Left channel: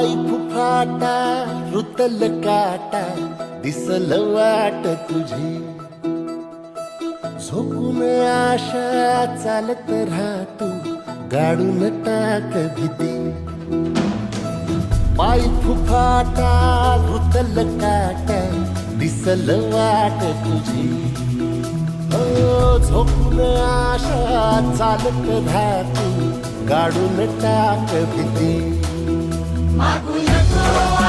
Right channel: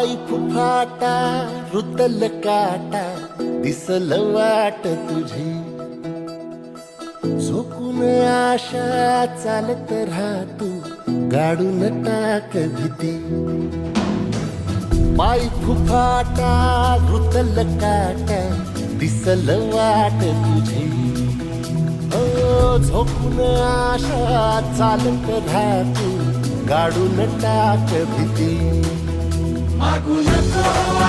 पाय फुफाटा रुतल काटा दिसल वाट तुझी झोकून आशा चालत राहतो गाडून टाक भीती पाय फुफाटा रुतल काटा दिसल वाट तुझी हो झोकून आशा चालत राहतो गाडून टाक भीती मागू नको